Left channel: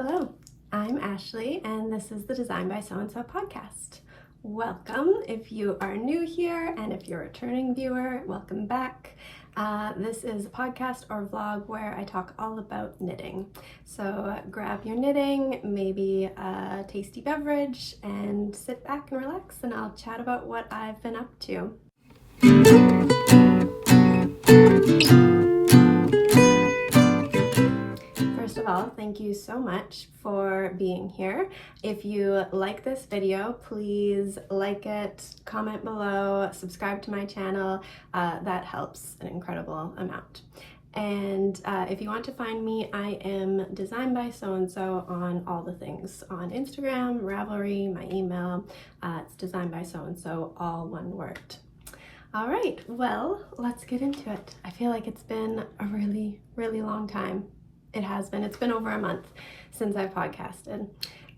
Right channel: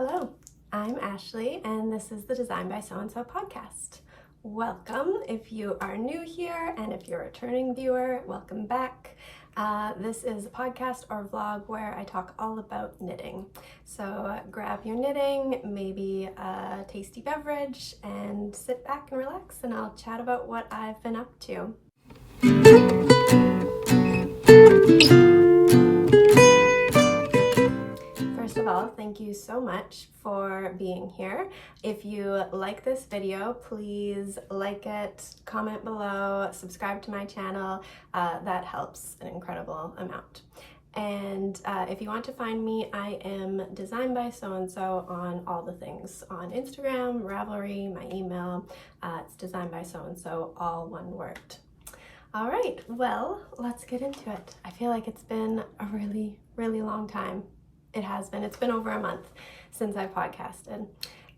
Hello, I'm Ashley and this is the Design by So-and-so podcast. Welcome if you are new here, and if you're a returning viewer, welcome back. This is a podcast or vlog where I talk all about knitting. So grab your knitting, maybe a tasty beverage, and sit back and relax, and I'll chat about what I've been up to. First of all, thank you so much for being here. If you like this video, please like it, comment below, subscribe to my channel. That helps an incredible amount. And if you want to find me, I am Design by So-and-so on all the things. On Instagram, Ravelry, my email, it's Design by So-and-so, all one word. All right, well, let's get into it. I feel like it's been a really, really long time. It has been. It's been over a month since I podcasted.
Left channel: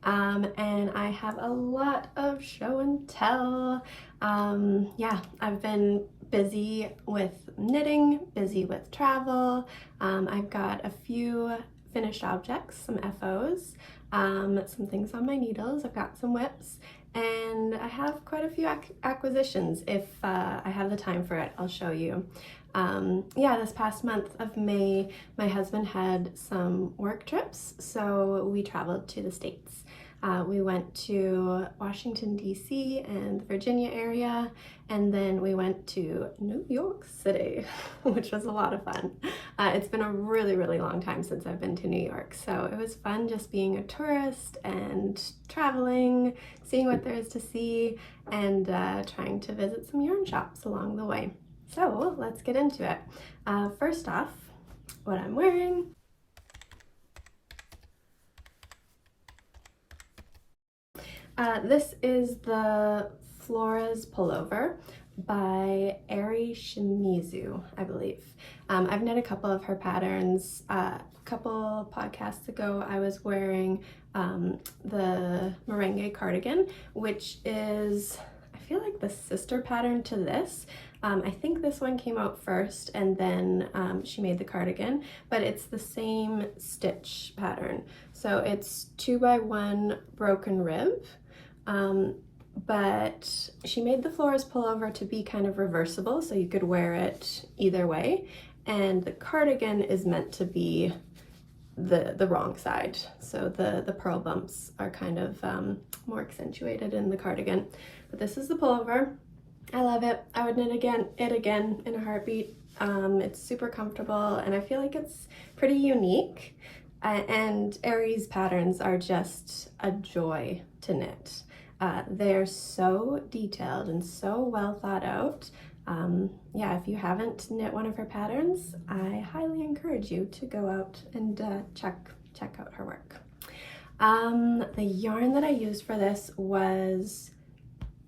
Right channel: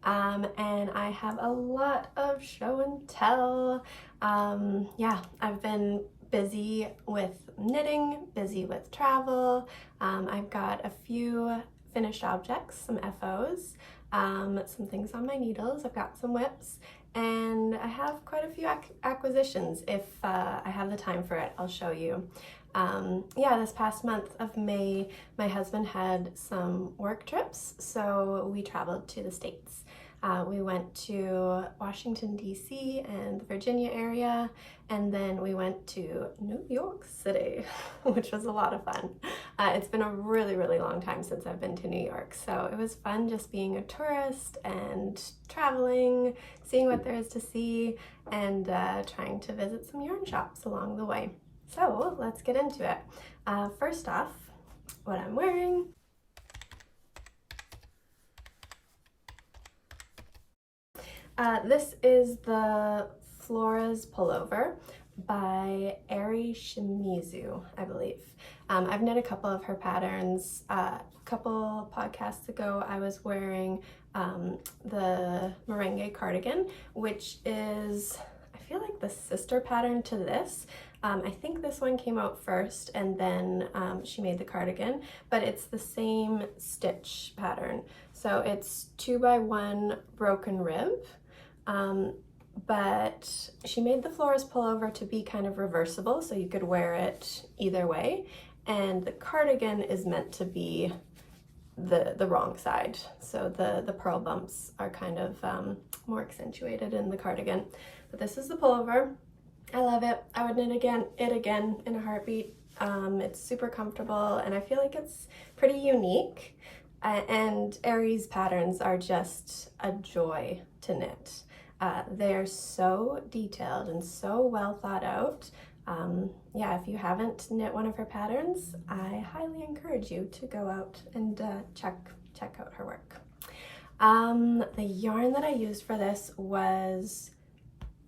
And I have a lot of show and tell. Yeah, I've been busy with knitting, busy with travel. I've got a few finished objects, some FOs, some things on my needles. I've got some whips, and I have quite a few acquisitions. If I have the time for it, I'll show you. Yeah, this past month of May, my husband had some work trips, so we traveled to the States. We went to Washington, D.C. and Virginia area, and then we went to New York City, which was a lot of fun. It's been a really, really long time since I've been to New York, so it was fun just being a tourist and traveling, seeing what there is to see, and trying to visit some yarn shops along the way. So let's get into it. First off, what I'm wearing. This is the Flores Pullover by Shimizu, I believe. I've knit a couple of her patterns. A couple podcasts ago, I was wearing the Merengue cardigan, which is, I feel like, the sister pattern to this. I think this one came out first, and then she made the cardigan, but it's the same stitch pattern. So it's 2x1 broken rib, but she made the Flores pullover to be kind of reversible, so you could wear it either way, and the cardigan is meant to be the wrong side. So the purl bumps are kind of more accentuated in the cardigan. But this is the pullover. I love it. I would knit it again in a heartbeat. It's super comfortable, and I feel like it's pretty unique. And Aries patterns are just a joy to knit. They're so detailed and so well thought out. Yeah, if you haven't knit one of her patterns, I highly encourage you to go out and check out her work. The yarn that I used for this was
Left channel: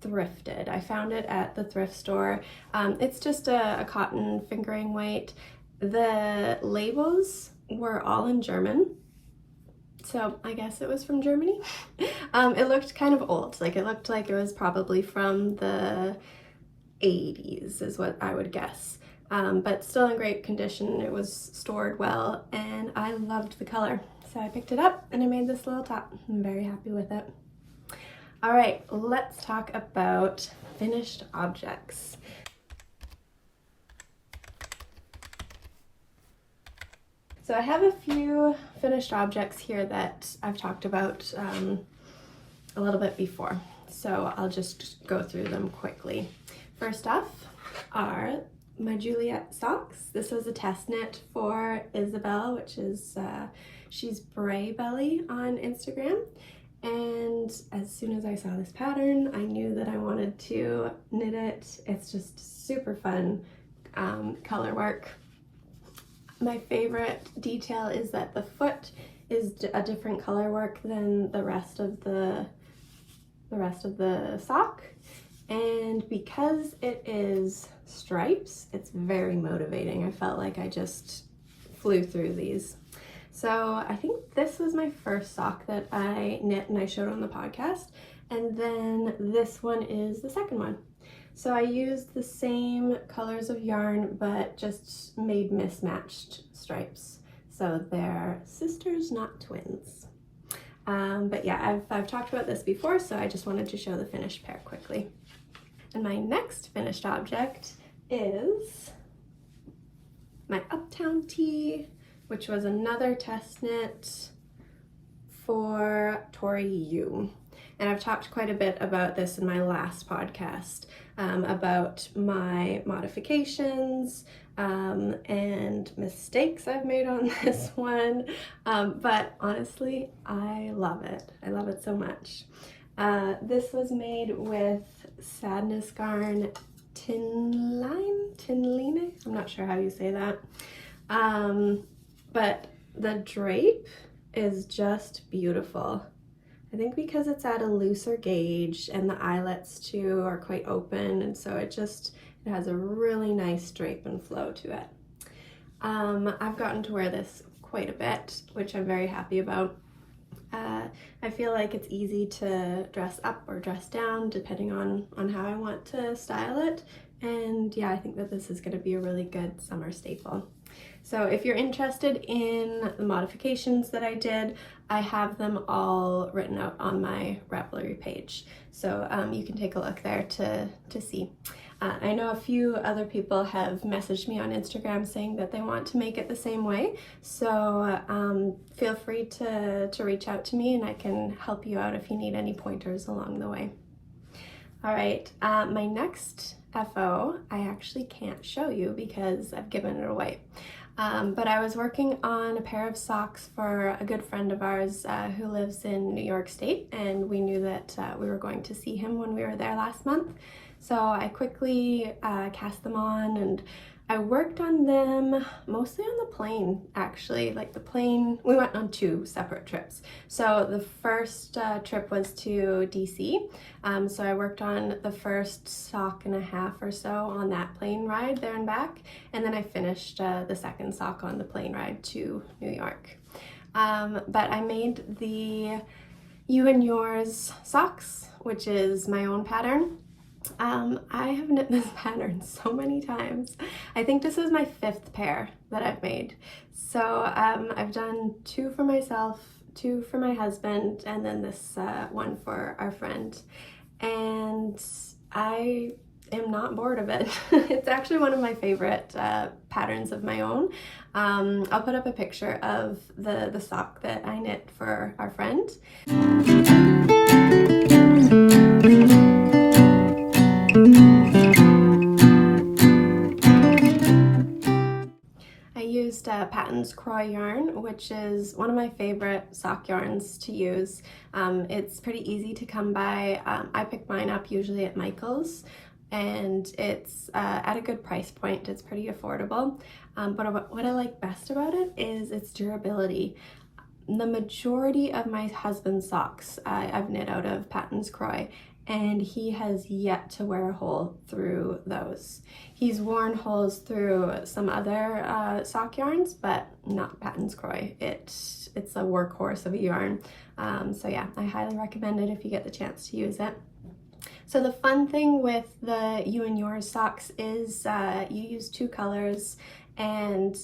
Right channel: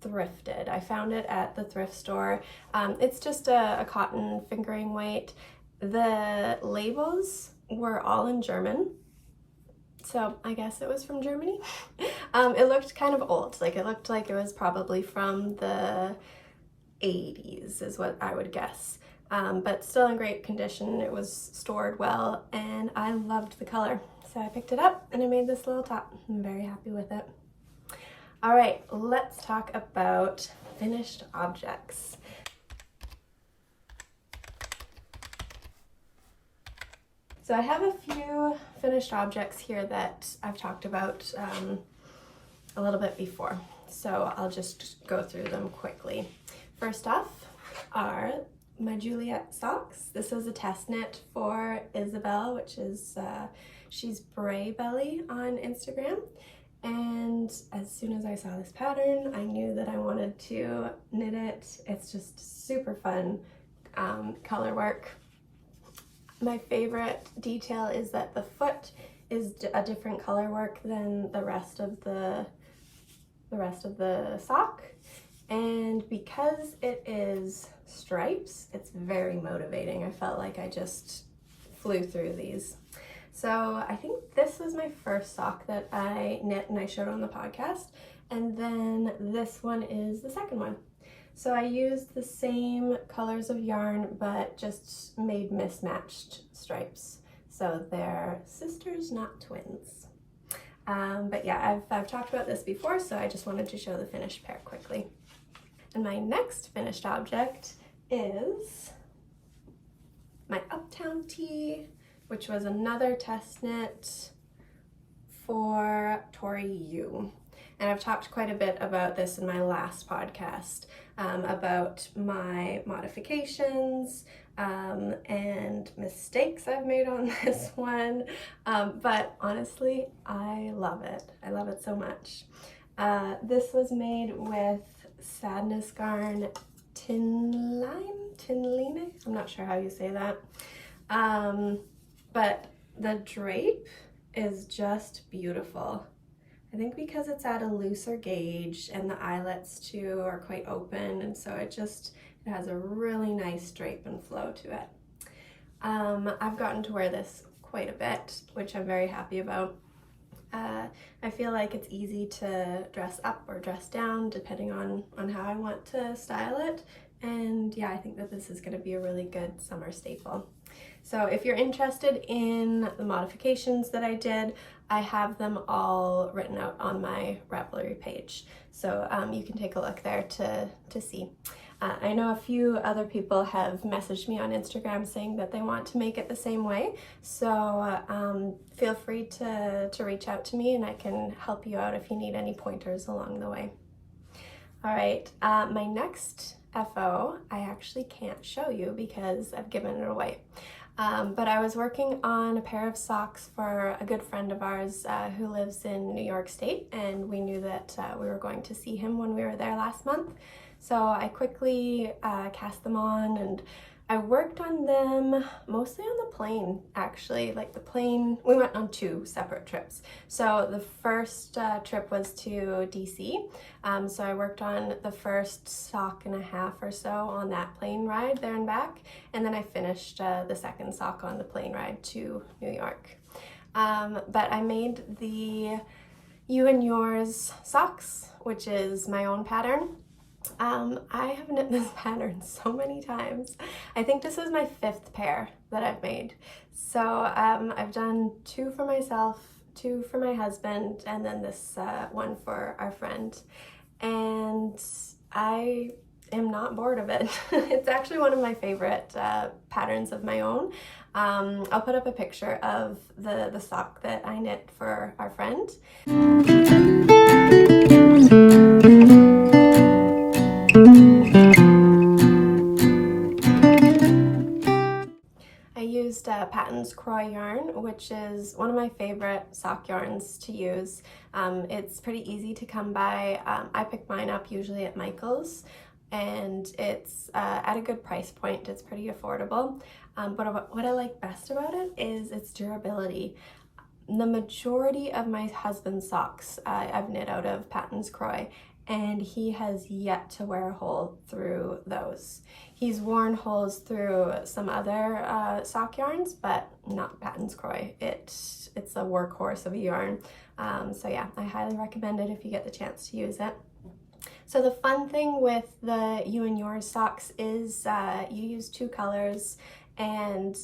thrifted. I found it at the thrift store. It's just a cotton fingering weight. The labels were all in German, so I guess it was from Germany. It looked kind of old, like it looked like it was probably from the 80s is what I would guess, but still in great condition. It was stored well, and I loved the color, so I picked it up and I made this little top. I'm very happy with it. All right, let's talk about finished objects. So I have a few finished objects here that I've talked about a little bit before, so I'll just go through them quickly. First off are my Juliette socks. This was a test knit for Isabel, which is, she's Bray Belly on Instagram. And as soon as I saw this pattern, I knew that I wanted to knit it. It's just super fun color work. My favorite detail is that the foot is a different color work than the rest of the sock. And because it is stripes, it's very motivating. I felt like I just flew through these. So I think this was my first sock that I knit and I showed on the podcast, and then this one is the second one. So I used the same colors of yarn, but just made mismatched stripes. So they're sisters, not twins. But yeah, I've talked about this before, so I just wanted to show the finished pair quickly. And my next finished object is my Uptown Tee, which was another test knit for Tori Yu. And I've talked quite a bit about this in my last podcast, about my modifications and mistakes I've made on this one. But honestly, I love it. I love it so much. This was made with Sandnes Garn Tynn, I'm not sure how you say that. But the drape is just beautiful. I think because it's at a looser gauge and the eyelets too are quite open, and so it has a really nice drape and flow to it. I've gotten to wear this quite a bit, which I'm very happy about. I feel like it's easy to dress up or dress down depending on how I want to style it. And yeah, I think that this is going to be a really good summer staple. So if you're interested in the modifications that I did, I have them all written out on my Ravelry page. So you can take a look there to see. I know a few other people have messaged me on Instagram saying that they want to make it the same way. So feel free to reach out to me and I can help you out if you need any pointers along the way. All right, my next FO, I actually can't show you because I've given it away. But I was working on a pair of socks for a good friend of ours who lives in New York State, and we knew that we were going to see him when we were there last month. So I quickly cast them on, and I worked on them mostly on the plane, actually. Like the plane, we went on 2 separate trips. So the first trip was to DC. So I worked on the first sock and a half or so on that plane ride there and back. And then I finished the second sock on the plane ride to New York. But I made the You and Yours socks, which is my own pattern. I have knit this pattern so many times. I think this is my 5th pair that I've made. So I've done 2 for myself, 2 for my husband, and then this one for our friend. And I am not bored of it. It's actually one of my favorite patterns of my own. I'll put up a picture of the sock that I knit for our friend. I used Patons Kroy yarn, which is one of my favorite sock yarns to use. It's pretty easy to come by. I pick mine up usually at Michael's, and it's at a good price point. It's pretty affordable. But what I like best about it is its durability. The majority of my husband's socks I've knit out of Patons Kroy, and he has yet to wear a hole through those. He's worn holes through some other sock yarns, but not Patons Kroy. It's a workhorse of a yarn. So yeah, I highly recommend it if you get the chance to use it. So the fun thing with the You and Yours socks is you use 2 colors, and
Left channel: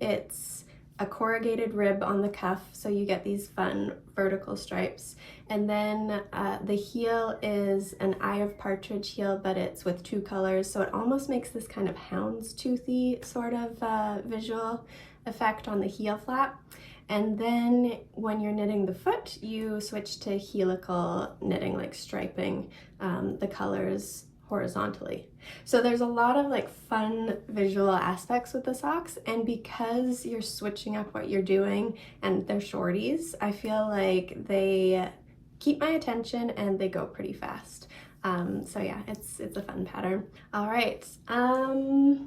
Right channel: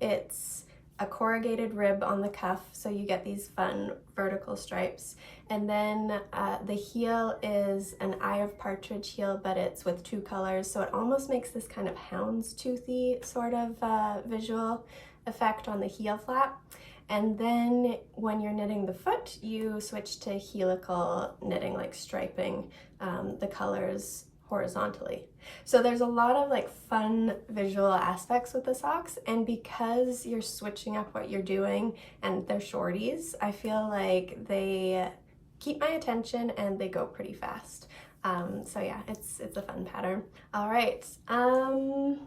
it's a corrugated rib on the cuff, so you get these fun vertical stripes. And then the heel is an Eye of Partridge heel, but it's with 2 colors, so it almost makes this kind of houndstoothy sort of visual effect on the heel flap. And then when you're knitting the foot, you switch to helical knitting, like striping the colors horizontally. So there's a lot of like fun visual aspects with the socks, and because you're switching up what you're doing and they're shorties, I feel like they keep my attention and they go pretty fast. So yeah, it's a fun pattern. All right, my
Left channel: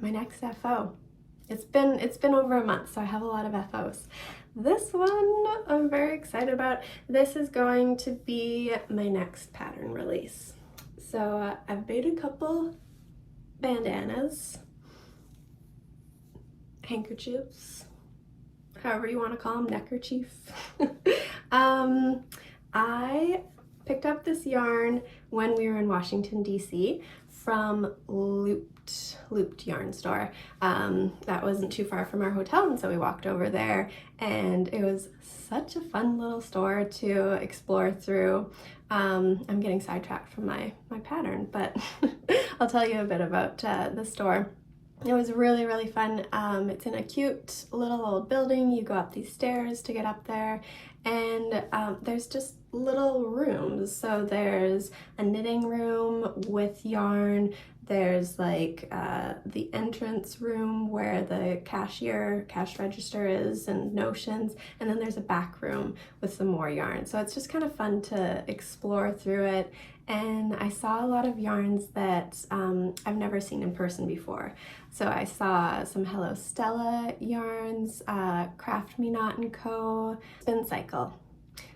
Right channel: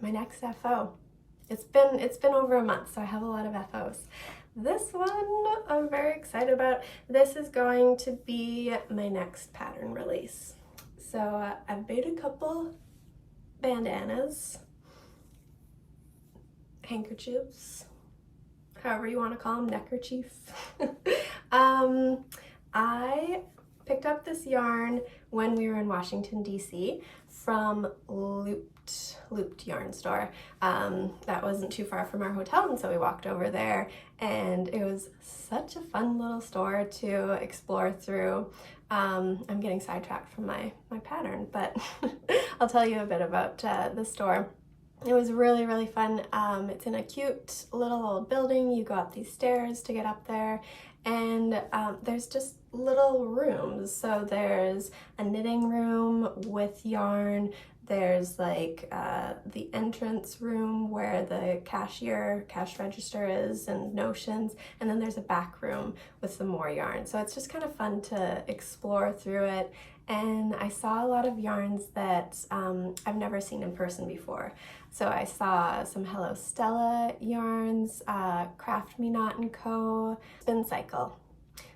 next FO. It's been over a month, so I have a lot of FOs. This one I'm very excited about. This is going to be my next pattern release. So I've made a couple bandanas, handkerchiefs, however you want to call them, neckerchief. I picked up this yarn when we were in Washington, DC from looped yarn store that wasn't too far from our hotel, and so we walked over there, and it was such a fun little store to explore through. I'm getting sidetracked from my pattern, but I'll tell you a bit about the store. It was really, really fun. It's in a cute little old building. You go up these stairs to get up there, and there's just little rooms. So there's a knitting room with yarn. There's like the entrance room where the cash register is and notions, and then there's a back room with some more yarn. So it's just kind of fun to explore through it. And I saw a lot of yarns that I've never seen in person before. So I saw some Hello Stella yarns, Craft Me Not & Co, Spin Cycle.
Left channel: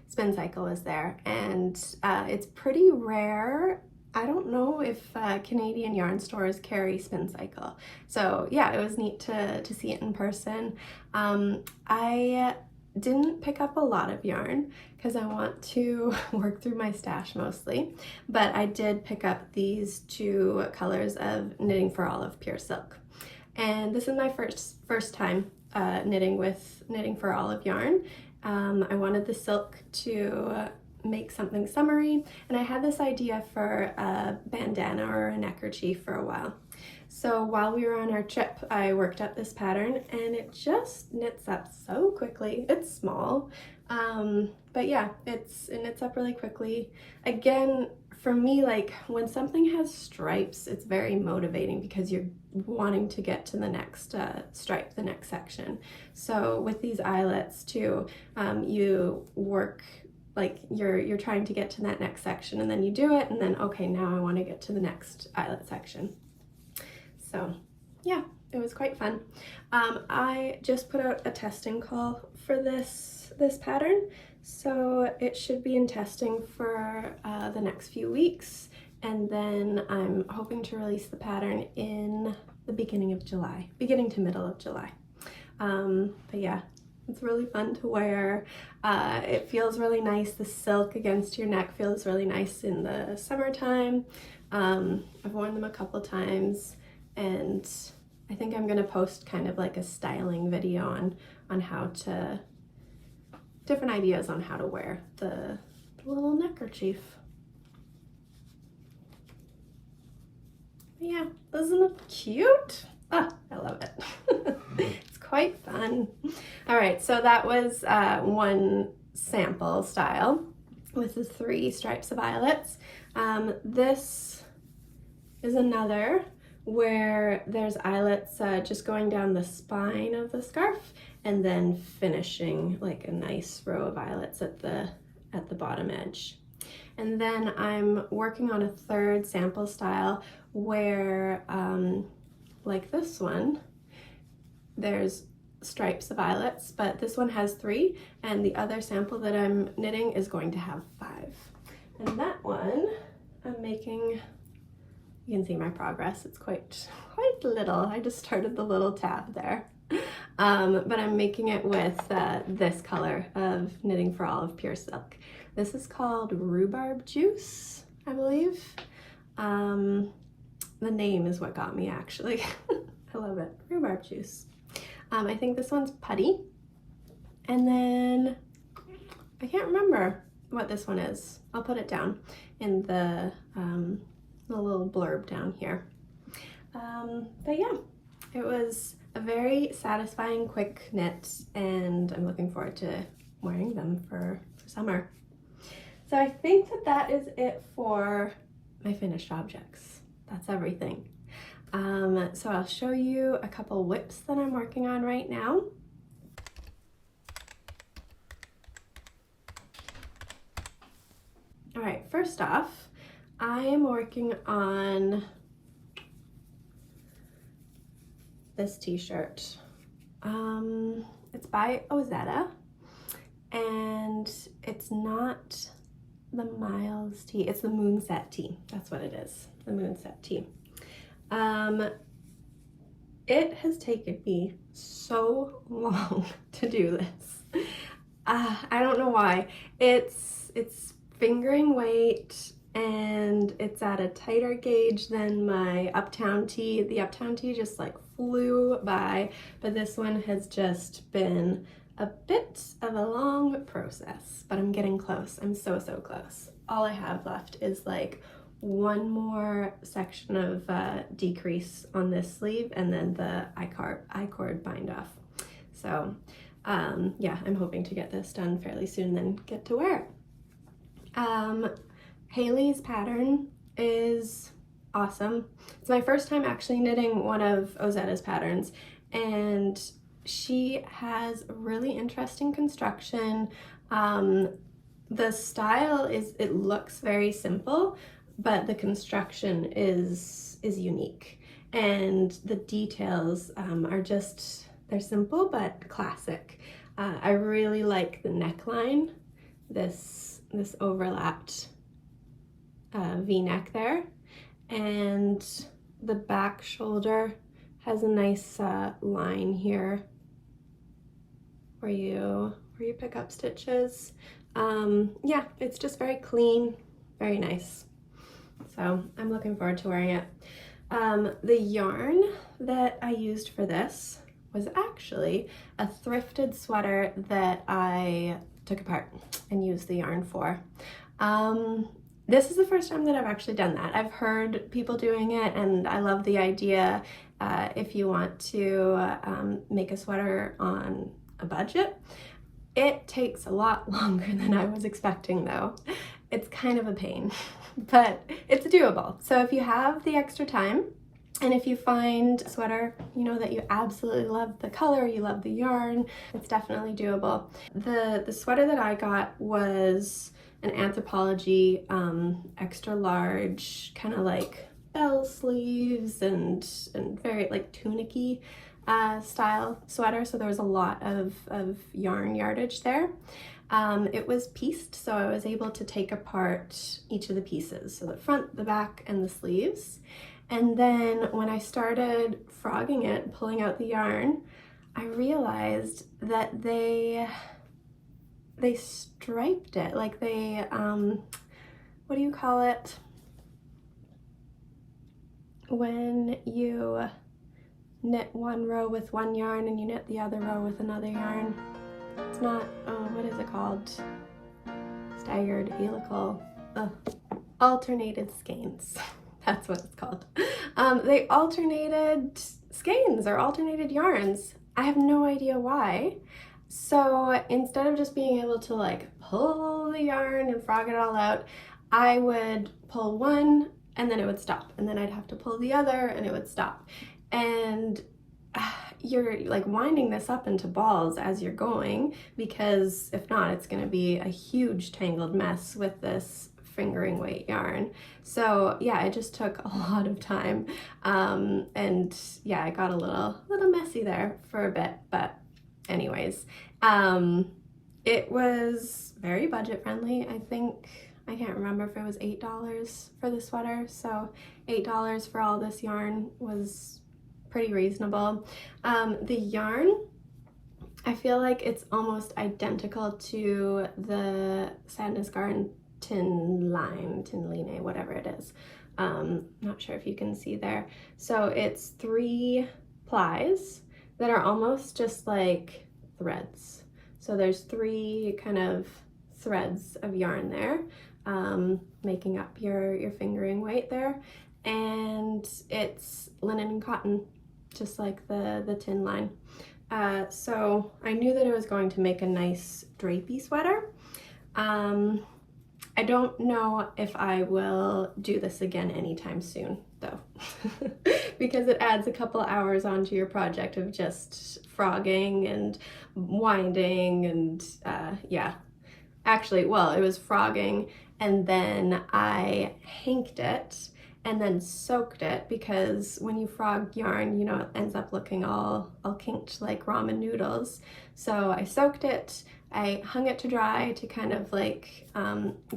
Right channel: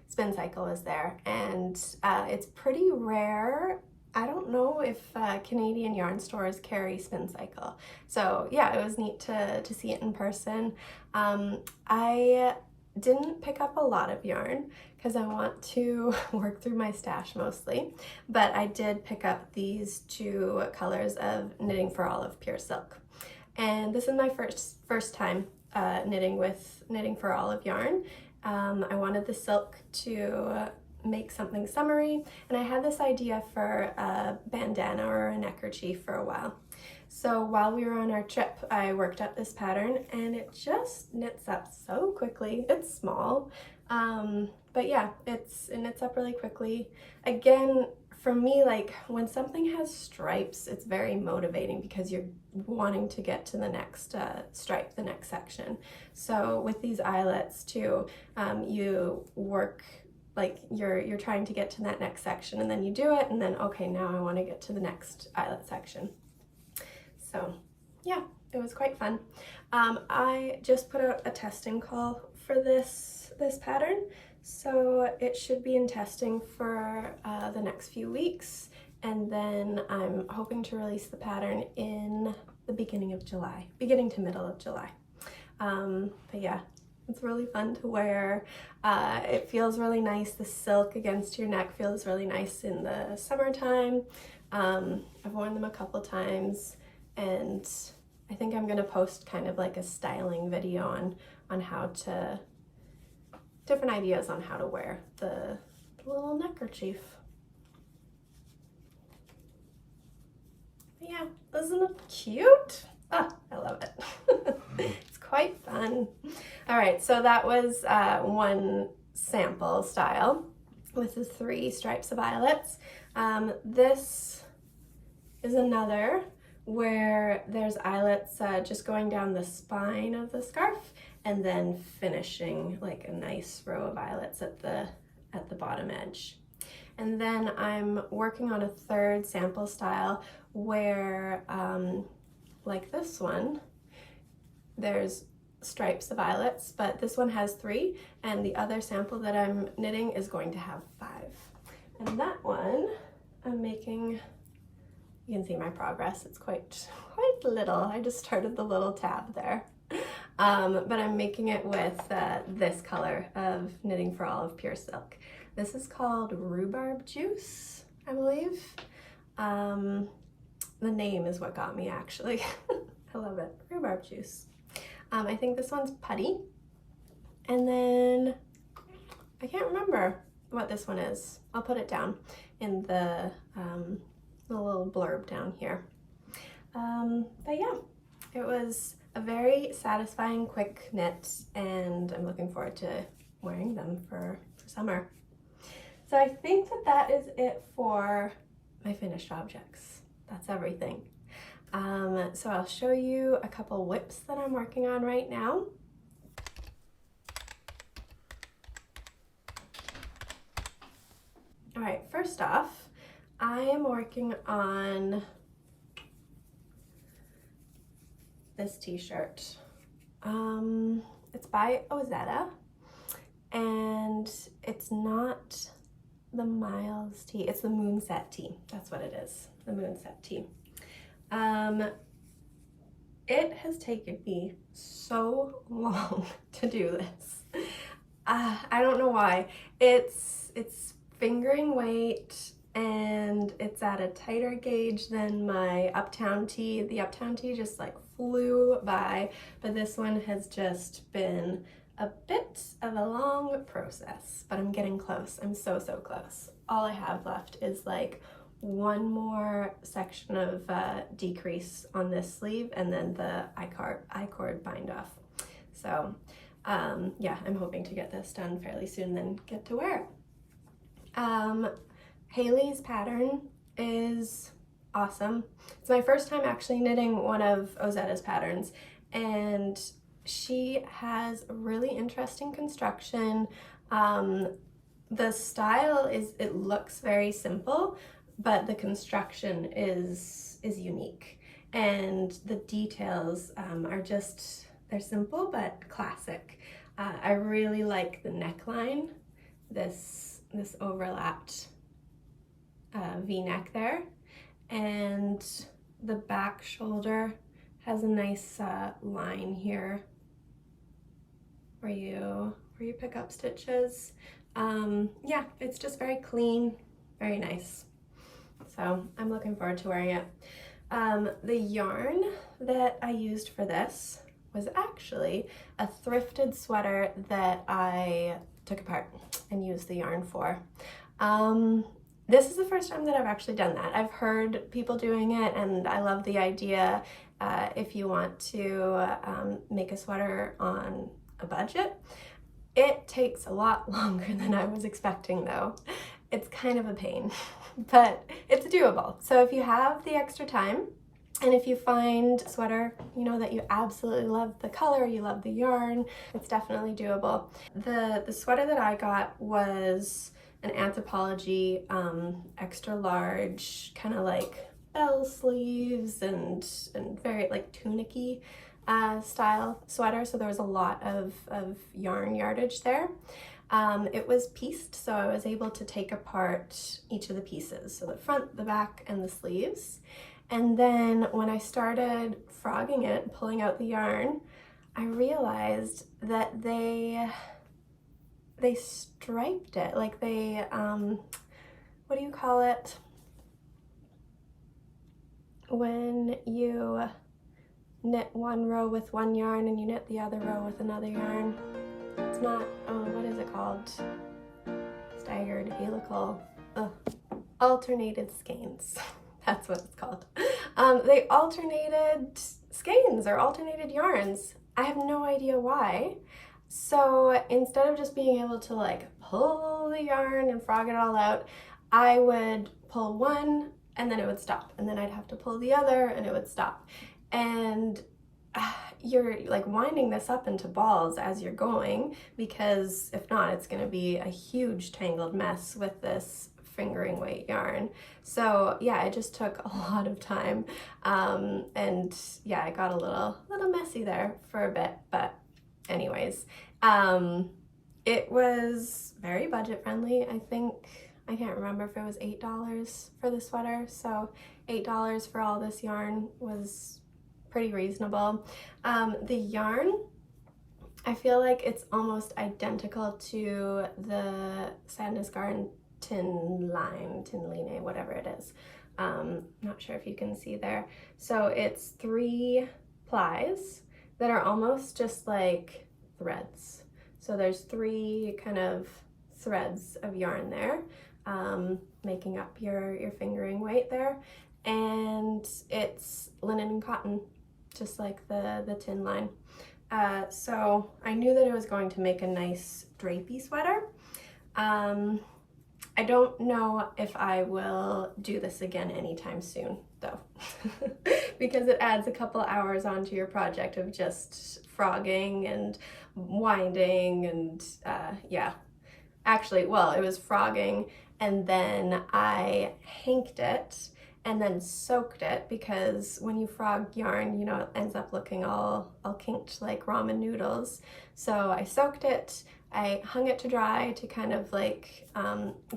Spin Cycle is there, and it's pretty rare. I don't know if Canadian yarn stores carry Spin Cycle. So yeah, it was neat to see it in person. I didn't pick up a lot of yarn because I want to work through my stash mostly, but I did pick up these 2 colors of Knitting for All of Pure Silk. And this is my first time knitting with Knitting for All of yarn. I wanted the silk to make something summery, and I had this idea for a bandana or a neckerchief for a while. So while we were on our trip, I worked up this pattern, and it just knits up so quickly. It's small, but yeah, it knits up really quickly. Again, for me, like when something has stripes, it's very motivating because you're wanting to get to the next stripe, the next section. So with these eyelets too, you work like you're trying to get to that next section, and then you do it, and then okay, now I want to get to the next eyelet section. So yeah, it was quite fun. I just put out a testing call for this pattern, so it should be in testing for the next few weeks, and then I'm hoping to release the pattern in the beginning to middle of July. But yeah, it's really fun to wear. It feels really nice. The silk against your neck feels really nice in the summertime. I've worn them a couple times, and I think I'm gonna post kind of like a styling video on how to, different ideas on how to wear the little neckerchief. Yeah, isn't it cute? Ah, I love it. It's quite fun. All right, so that was one sample style with the 3 stripes of violets. This is another where there's eyelets just going down the spine of the scarf, and then finishing like a nice row of violets at the bottom edge. And then I'm working on a 3rd sample style where like this one, there's stripes of violets, but this one has 3, and the other sample that I'm knitting is going to have 5. And that one I'm making, you can see my progress, it's quite little. I just started the little tab there. But I'm making it with this color of Knitting for All of Pure Silk. This is called Rhubarb Juice, I believe. The name is what got me, actually. I love it. Rhubarb Juice. I think this one's Putty. And then I can't remember what this one is. I'll put it down in the little blurb down here. But yeah, it was a very satisfying, quick knit, and I'm looking forward to wearing them for summer. So I think that is it for my finished objects. That's everything. So I'll show you a couple whips that I'm working on right now. All right, first off, I am working on this t-shirt. It's by Ozetta, and it's not the Miles tee, it's the Moonset tee. That's what it is, the Moonset tee. It has taken me so long to do this. I don't know why. It's fingering weight. and it's at a tighter gauge than my Uptown Tee. The Uptown Tee just like flew by, but this one has just been a bit of a long process, but I'm getting close. I'm so close. All I have left is like one more section of decrease on this sleeve, and then the I-cord bind off. So yeah, I'm hoping to get this done fairly soon, then get to wear it. Hailey's pattern is awesome. It's my first time actually knitting one of Ozetta's patterns, and she has a really interesting construction. The style it looks very simple, but the construction is unique, and the details are just, they're simple but classic. I really like the neckline, this overlapped V-neck there, and the back shoulder has a nice line here where you pick up stitches. Yeah, it's just very clean, very nice. So I'm looking forward to wearing it. The yarn that I used for this was actually a thrifted sweater that I took apart and used the yarn for. This is the first time that I've actually done that. I've heard people doing it, and I love the idea. If you want to make a sweater on a budget, it takes a lot longer than I was expecting though. It's kind of a pain, but it's doable. So if you have the extra time, and if you find a sweater, you know, that you absolutely love the color, you love the yarn, it's definitely doable. The sweater that I got was an Anthropologie extra large, kind of like bell sleeves and very like tunicky style sweater. So there was a lot of yarn yardage there. It was pieced, so I was able to take apart each of the pieces, so the front, the back, and the sleeves. And then when I started frogging it, pulling out the yarn, I realized that they striped it, like they, what do you call it? When you knit one row with one yarn and you knit the other row with another yarn. It's not, what is it called? Staggered helical, alternated skeins. That's what it's called. They alternated skeins or alternated yarns. I have no idea why. So instead of just being able to like pull the yarn and frog it all out, I would pull one and then it would stop, and then I'd have to pull the other and it would stop. And you're like winding this up into balls as you're going, because if not, it's going to be a huge tangled mess with this fingering weight yarn. So yeah, it just took a lot of time, and yeah, it got a little messy there for a bit, but anyways, it was very budget friendly. I can't remember if it was $8 for the sweater, so $8 for all this yarn was pretty reasonable. The yarn, I feel like it's almost identical to the Sandnes Garn Tynn line, whatever it is. Not sure if you can see there. So it's 3 plies that are almost just like threads. So there's 3 kind of threads of yarn there, making up your fingering weight there. And it's linen and cotton, just like the Tynn line. So I knew that it was going to make a nice drapey sweater. I don't know if I will do this again anytime soon though, because it adds a couple hours onto your project of just frogging and winding and yeah. Actually, well, it was frogging, and then I hanked it and then soaked it, because when you frog yarn, you know, it ends up looking all kinked like ramen noodles. So I soaked it, I hung it to dry to kind of like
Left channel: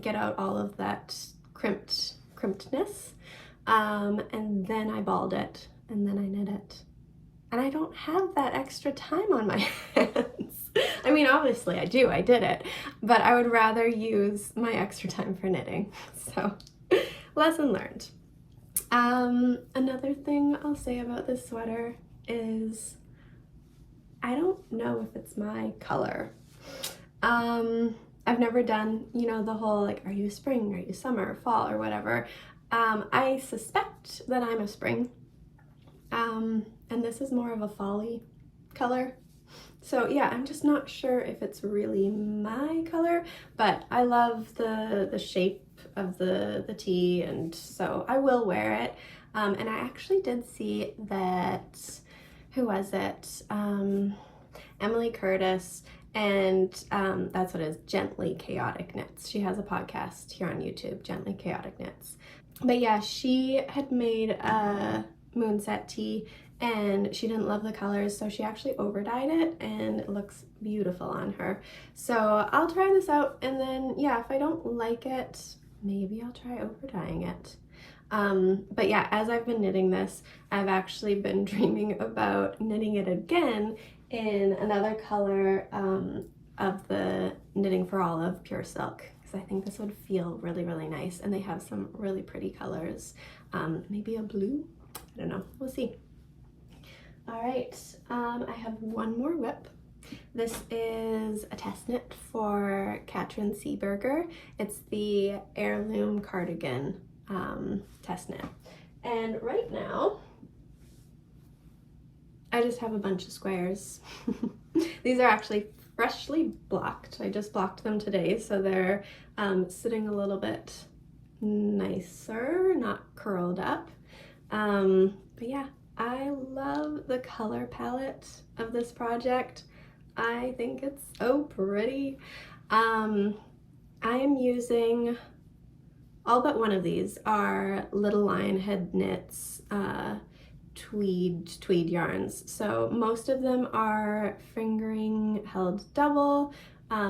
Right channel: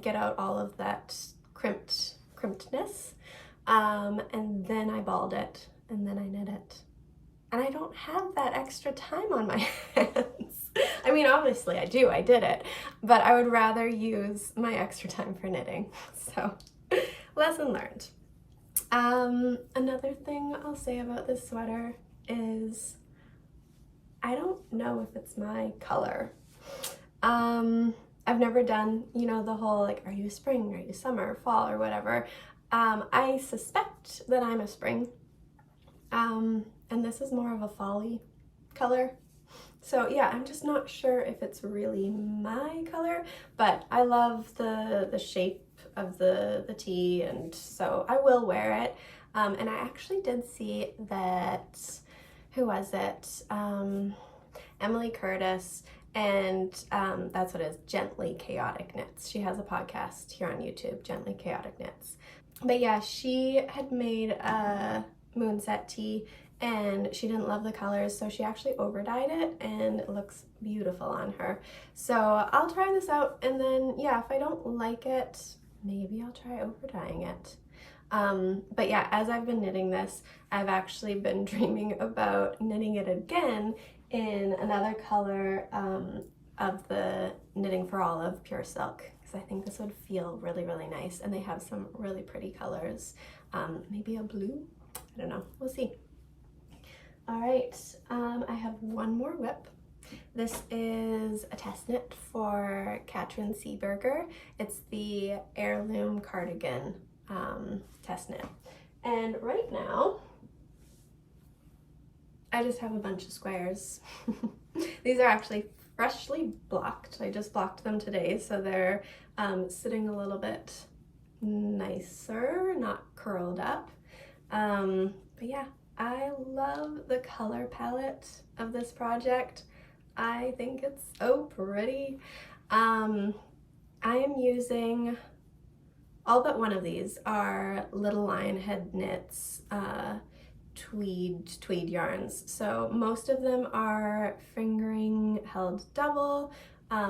get out all of that crimpedness, and then I balled it, and then I knit it. And I don't have that extra time on my hands. I mean, obviously I do, I did it, but I would rather use my extra time for knitting. So lesson learned. Another thing I'll say about this sweater is I don't know if it's my color. I've never done, you know, the whole like, are you spring, are you summer, fall, or whatever. I suspect that I'm a spring, and this is more of a fall-y color. So yeah, I'm just not sure if it's really my color, but I love the shape of the tee, and so I will wear it. And I actually did see that, who was it? Emily Curtis, and that's what it is, Gently Chaotic Knits. She has a podcast here on YouTube, Gently Chaotic Knits. But yeah, she had made a Moonset tee and she didn't love the colors, so she actually over-dyed it and it looks beautiful on her. So I'll try this out, and then yeah, if I don't like it, maybe I'll try over-dyeing it. But yeah, as I've been knitting this, I've actually been dreaming about knitting it again in another color of the Knitting for Olive Pure Silk, because I think this would feel really, really nice, and they have some really pretty colors. Maybe a blue? I don't know, we'll see. All right, I have one more whip. This is a test knit for Katryn Seeburger. It's the Heirloom Cardigan test knit. And right now, I just have a bunch of squares. These are actually freshly blocked. I just blocked them today, so they're sitting a little bit nicer, not curled up. But yeah, I love the color palette of this project. I think it's so pretty. I am using, all but one of these are Little Lionhead Knits tweed yarns. So most of them are fingering held double,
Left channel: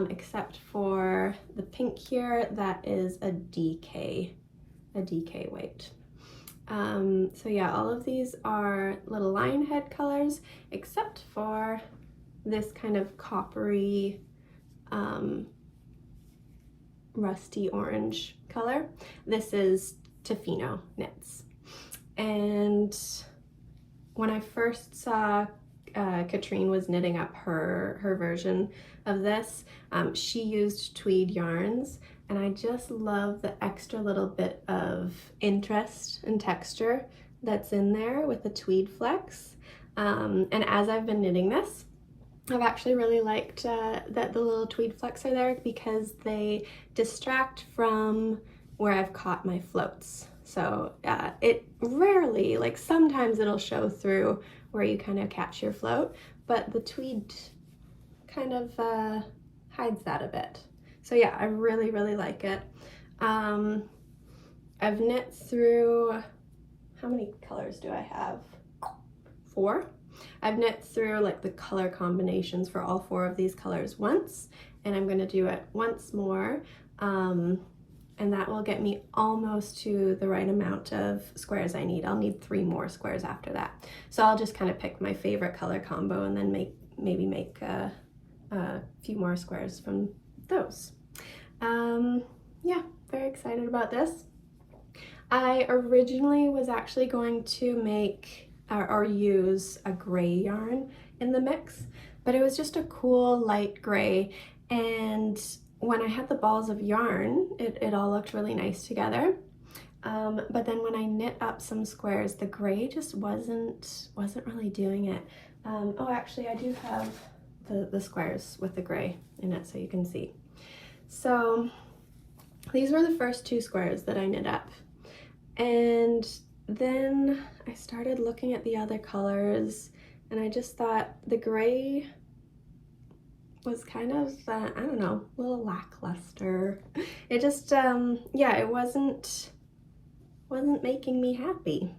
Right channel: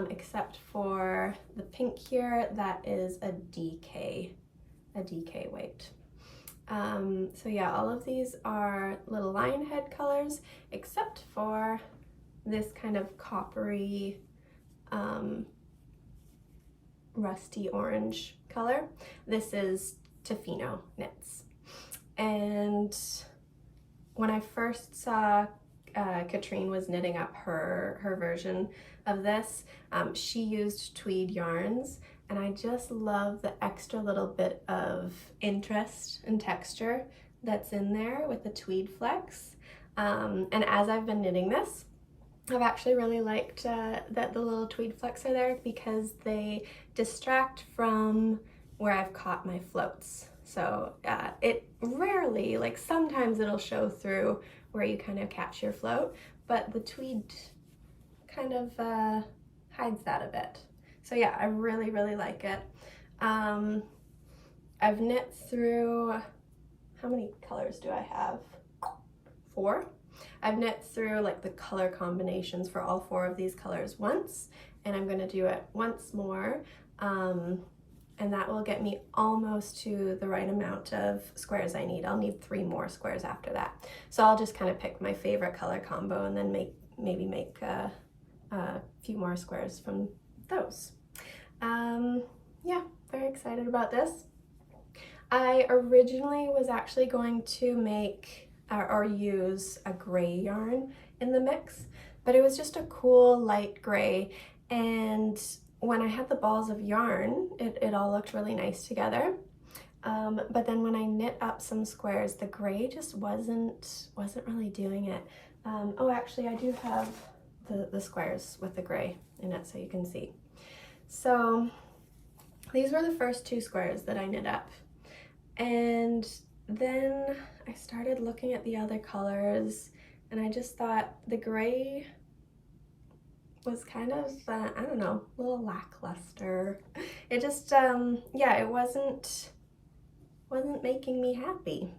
except for the pink here, that is a DK weight. So yeah, all of these are Little Lionhead colors, except for this kind of coppery, rusty orange color. This is Tofino knits. And when I first saw Katryn was knitting up her version of this, she used tweed yarns, and I just love the extra little bit of interest and texture that's in there with the tweed flecks. And as I've been knitting this, I've actually really liked that the little tweed flecks are there, because they distract from where I've caught my floats. So it rarely, like sometimes it'll show through where you kind of catch your float, but the tweed kind of hides that a bit. So yeah, I really, really like it. I've knit through, how many colors do I have? 4. I've knit through like the color combinations for all 4 of these colors once, and I'm gonna do it once more. And that will get me almost to the right amount of squares I need. I'll need 3 more squares after that. So I'll just kind of pick my favorite color combo and then maybe make a few more squares from those. Yeah, very excited about this. I originally was actually going to make or use a gray yarn in the mix, but it was just a cool light gray, and when I had the balls of yarn, it all looked really nice together. But then when I knit up some squares, the gray just wasn't really doing it. Oh, actually I do have the squares with the gray in it, so you can see. So these were the first 2 squares that I knit up. And then I started looking at the other colors, and I just thought the gray was kind of, I don't know, a little lackluster. It just, yeah, it wasn't making me happy.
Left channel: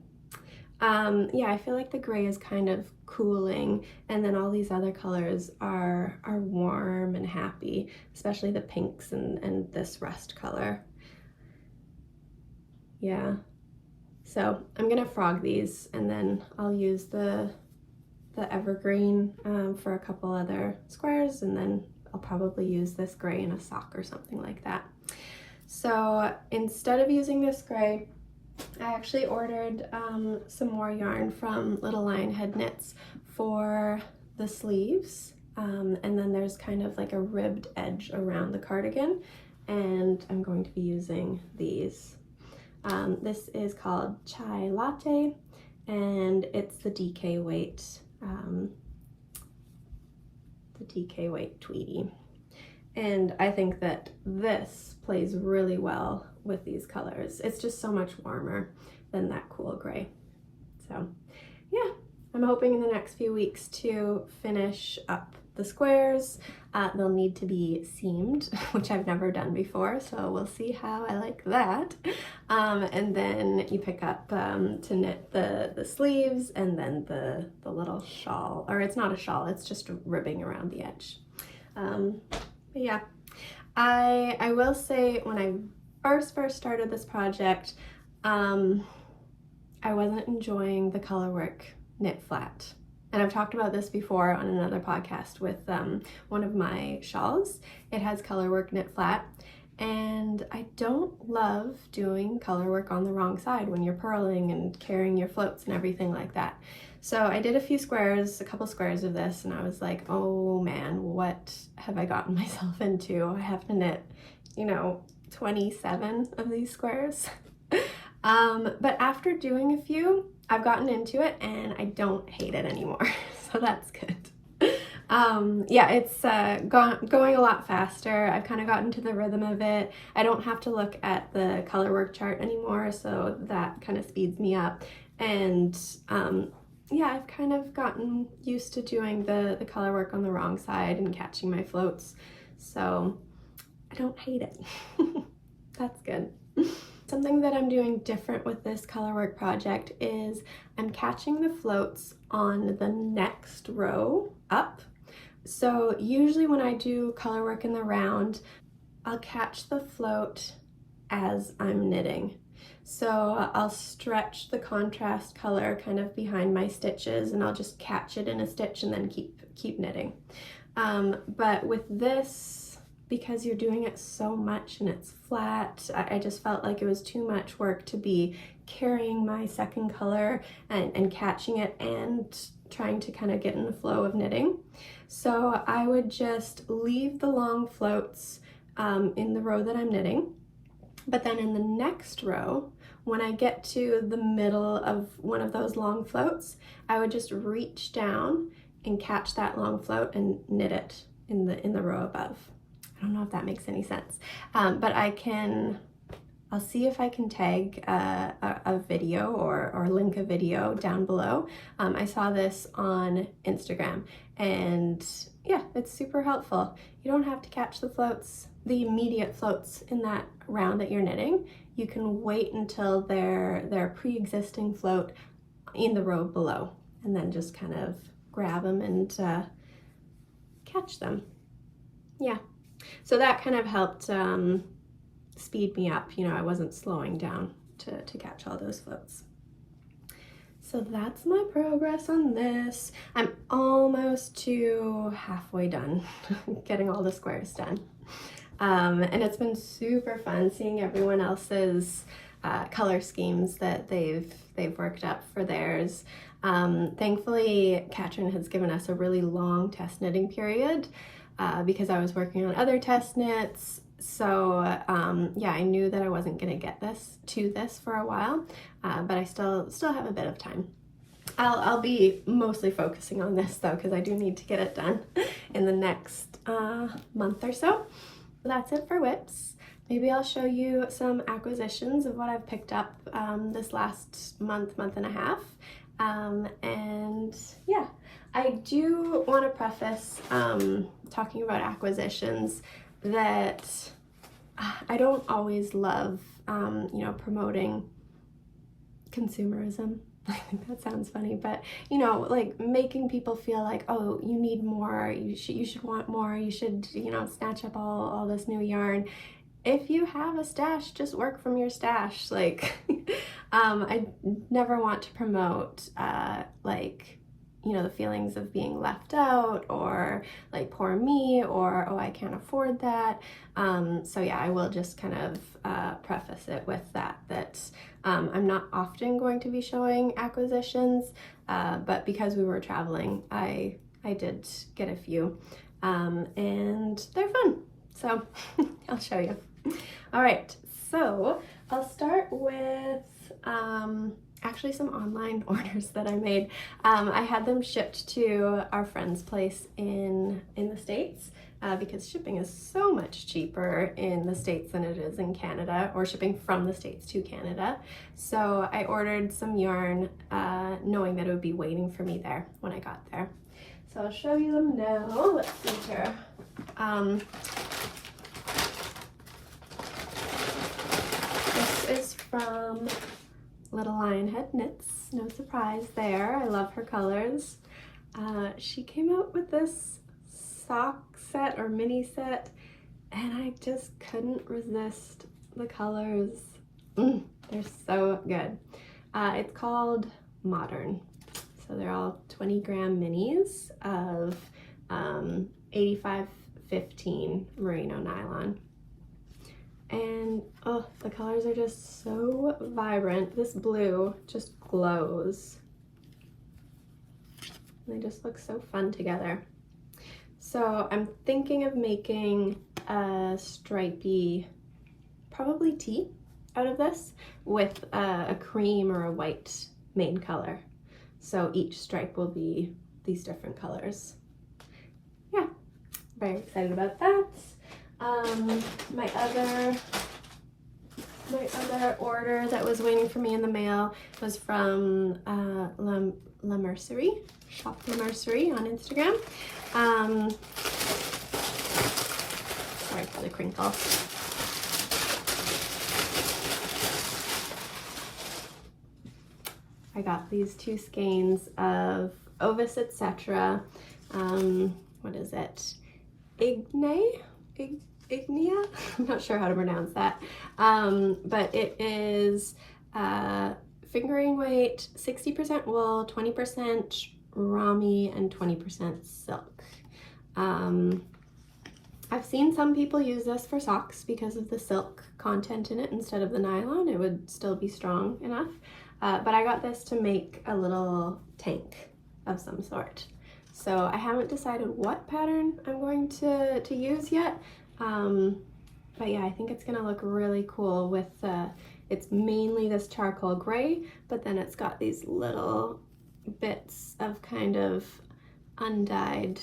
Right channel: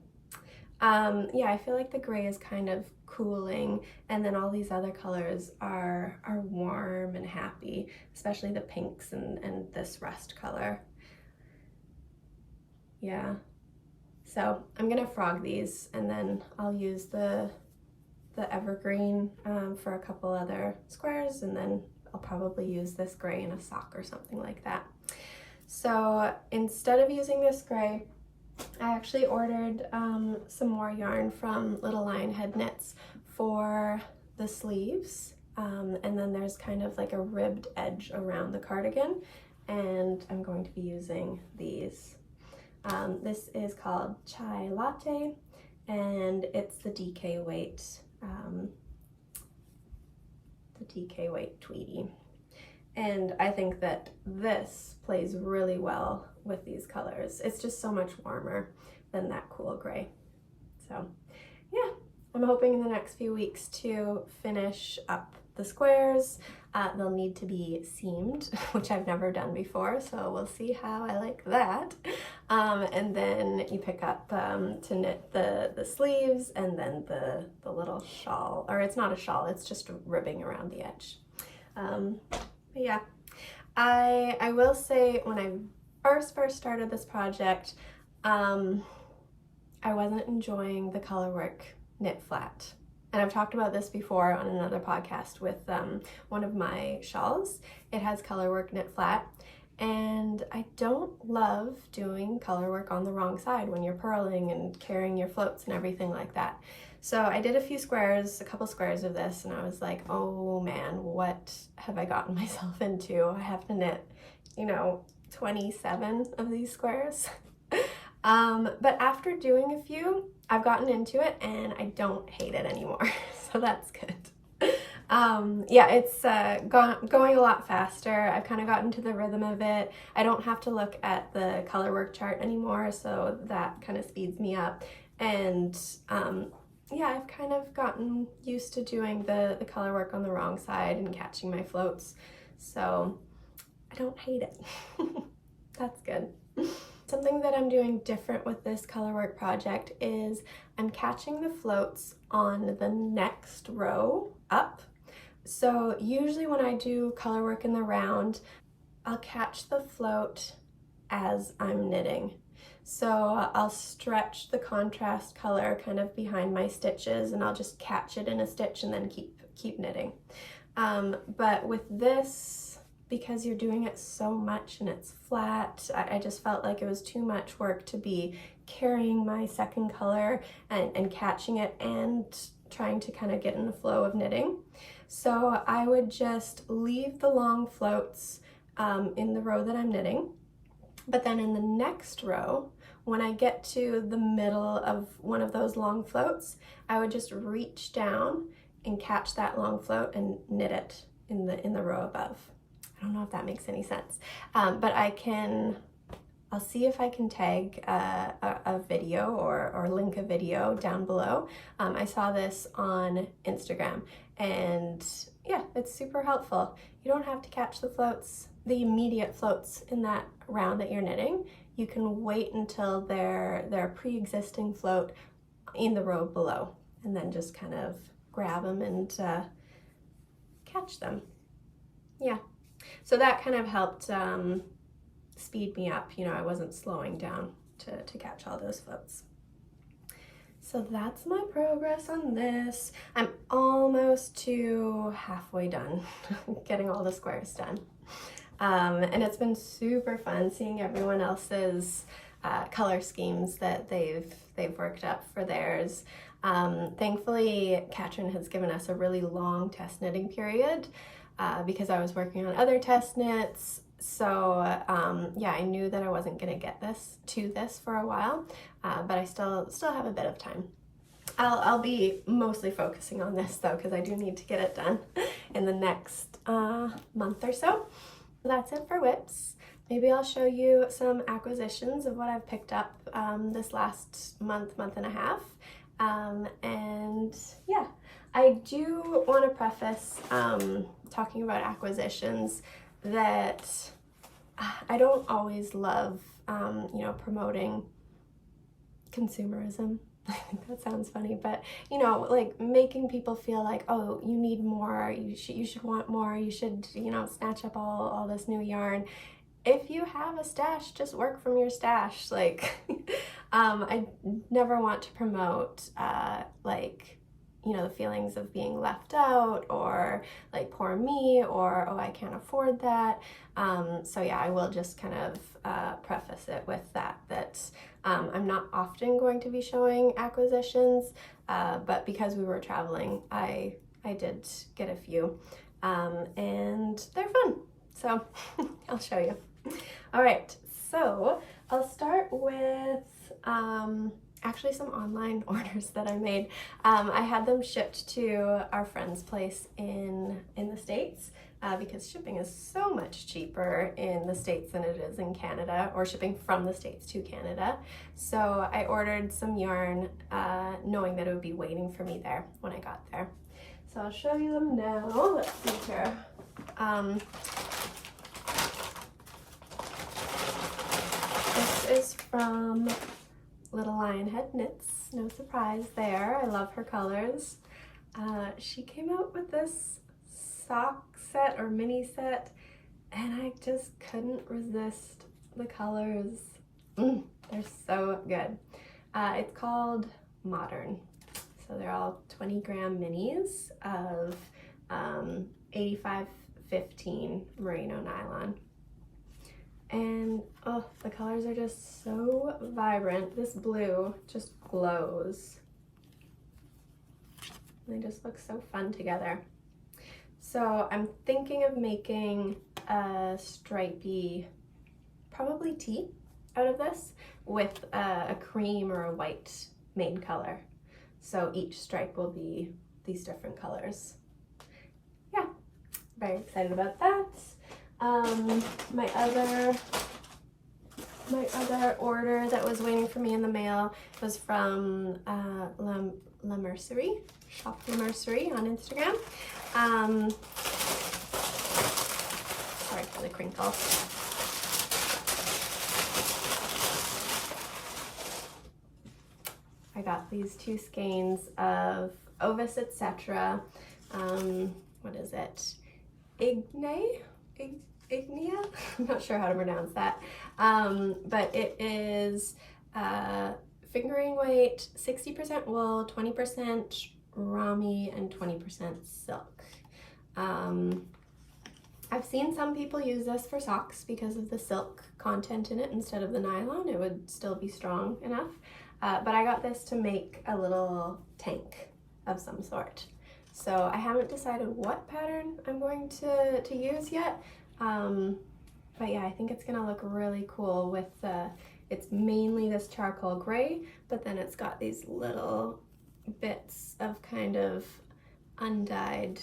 Yeah, I feel like the gray is kind of cooling, and then all these other colors are warm and happy, especially the pinks and this rust color. Yeah, so I'm gonna frog these, and then I'll use the evergreen for a couple other squares, and then I'll probably use this gray in a sock or something like that. So instead of using this gray, I actually ordered some more yarn from Little Lionhead Knits for the sleeves, and then there's kind of like a ribbed edge around the cardigan, and I'm going to be using these. This is called Chai Latte, and it's the DK weight tweedy. And I think that this plays really well with these colors. It's just so much warmer than that cool gray. So yeah, I'm hoping in the next few weeks to finish up the squares. They'll need to be seamed, which I've never done before, so we'll see how I like that. And then you pick up to knit the sleeves, and then the little shawl, or it's not a shawl, it's just ribbing around the edge. But yeah, I will say when I first started this project, I wasn't enjoying the color work knit flat. And I've talked about this before on another podcast with one of my shawls. It has color work knit flat, and I don't love doing color work on the wrong side when you're purling and carrying your floats and everything like that. So I did a couple squares of this, and I was like, oh man, what have I gotten myself into? I have to knit, 27 of these squares. But after doing a few, I've gotten into it and I don't hate it anymore, so that's good. Yeah, it's going a lot faster. I've kind of gotten to the rhythm of it. I don't have to look at the color work chart anymore, so that kind of speeds me up. And yeah, I've kind of gotten used to doing the color work on the wrong side and catching my floats, so I don't hate it. That's good. Something that I'm doing different with this colorwork project is I'm catching the floats on the next row up. So usually when I do colorwork in the round, I'll catch the float as I'm knitting. So I'll stretch the contrast color kind of behind my stitches, and I'll just catch it in a stitch and then keep knitting. But with this, because you're doing it so much and it's flat, I just felt like it was too much work to be carrying my second color and catching it and trying to kind of get in the flow of knitting. So I would just leave the long floats in the row that I'm knitting, but then in the next row, when I get to the middle of one of those long floats, I would just reach down and catch that long float and knit it in the row above. I don't know if that makes any sense, but I'll see if I can tag a video or link a video down below. I saw this on Instagram, and yeah, it's super helpful. You don't have to catch the floats, the immediate floats in that round that you're knitting. You can wait until they're pre-existing float in the row below, and then just kind of grab them and catch them. Yeah. So that kind of helped speed me up. I wasn't slowing down to catch all those floats. So that's my progress on this. I'm almost to halfway done getting all the squares done. And it's been super fun seeing everyone else's color schemes that they've worked up for theirs. Thankfully, Katryn has given us a really long test knitting period because I was working on other test knits. So yeah, I knew that I wasn't gonna get to this for a while, but I still have a bit of time. I'll be mostly focusing on this though, because I do need to get it done in the next month or so. That's it for whips. Maybe I'll show you some acquisitions of what I've picked up this last month and a half. And yeah, I do want to preface talking about acquisitions that I don't always love, promoting consumerism. I think that sounds funny, but like making people feel like, oh, you need more, you should want more, you should, snatch up all this new yarn. If you have a stash, just work from your stash. Like, I never want to promote you know, the feelings of being left out, or like poor me, or oh, I can't afford that. So yeah, I will just kind of preface it with that I'm not often going to be showing acquisitions, but because we were traveling, I did get a few, and they're fun. So I'll show you. All right, so I'll start with actually some online orders that I made. I had them shipped to our friend's place in the States, because shipping is so much cheaper in the States than it is in Canada, or shipping from the States to Canada. So I ordered some yarn, knowing that it would be waiting for me there when I got there. So I'll show you them now. Let's see here. This is from Little Lionhead Knits. No surprise there. I love her colors. She came out with this sock set or mini set, and I just couldn't resist the colors. They're so good. It's called Modern. So they're all 20-gram minis of 85/15 merino nylon. And oh, the colors are just so vibrant. This blue just glows. They just look so fun together. So I'm thinking of making a stripy, probably tee out of this, with a cream or a white main color. So each stripe will be these different colors. Yeah, very excited about that. My other order that was waiting for me in the mail was from La Mercerie, Shop La Mercerie on Instagram. Sorry for the crinkle. I got these 2 skeins of Ovis Etc. What is it? Ignea? I'm not sure how to pronounce that. But it is fingering weight, 60% wool, 20% rami, and 20% silk. I've seen some people use this for socks because of the silk content in it instead of the nylon. It would still be strong enough. But I got this to make a little tank of some sort. So I haven't decided what pattern I'm going to use yet. But yeah, I think it's gonna look really cool with it's mainly this charcoal gray, but then it's got these little bits of kind of undyed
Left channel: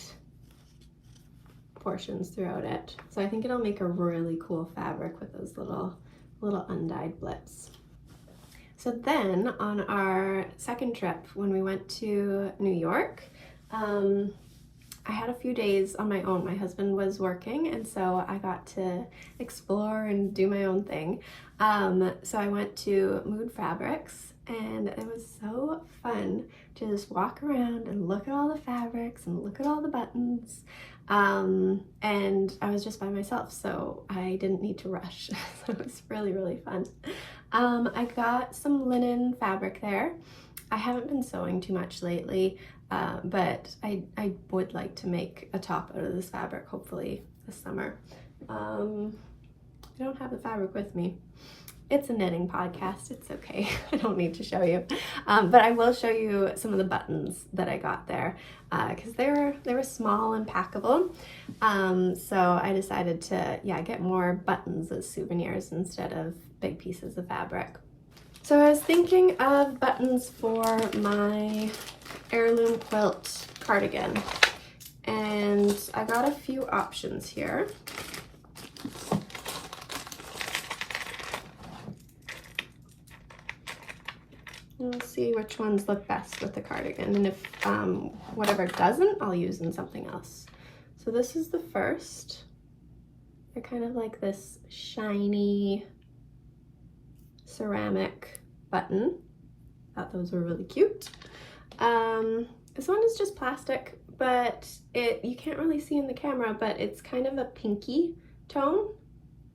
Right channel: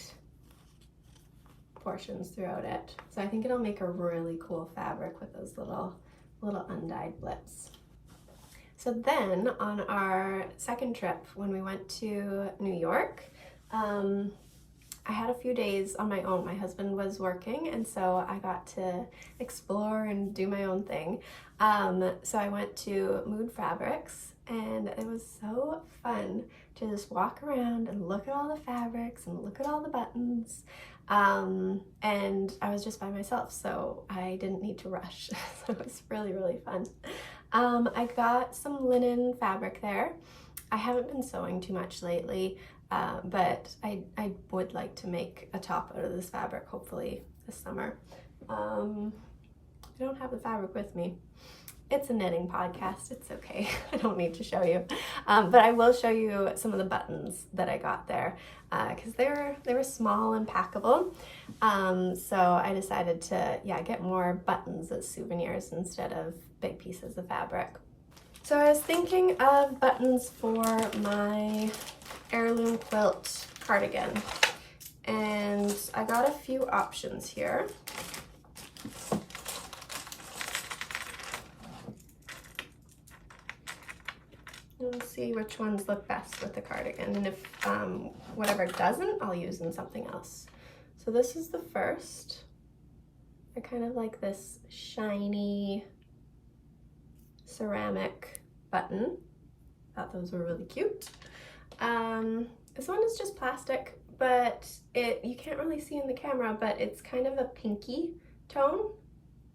portions throughout it. So I think it'll make a really cool fabric with those little undyed blips. So then on our second trip, when we went to New York, I had a few days on my own. My husband was working, and so I got to explore and do my own thing. So I went to Mood Fabrics, and it was so fun to just walk around and look at all the fabrics and look at all the buttons. And I was just by myself, so I didn't need to rush. So it was really, really fun. I got some linen fabric there. I haven't been sewing too much lately, but I would like to make a top out of this fabric, hopefully this summer. I don't have the fabric with me. It's a knitting podcast, it's okay. I don't need to show you. But I will show you some of the buttons that I got there, because they were small and packable. So I decided to, yeah, get more buttons as souvenirs instead of big pieces of fabric. So I was thinking of buttons for my Heirloom Quilt Cardigan, and I got a few options here. We'll see which ones look best with the cardigan, and if whatever doesn't, I'll use in something else. So this is the first. They're kind of like this shiny ceramic button. Thought those were really cute. This one is just plastic, but you can't really see in the camera, but it's kind of a pinky tone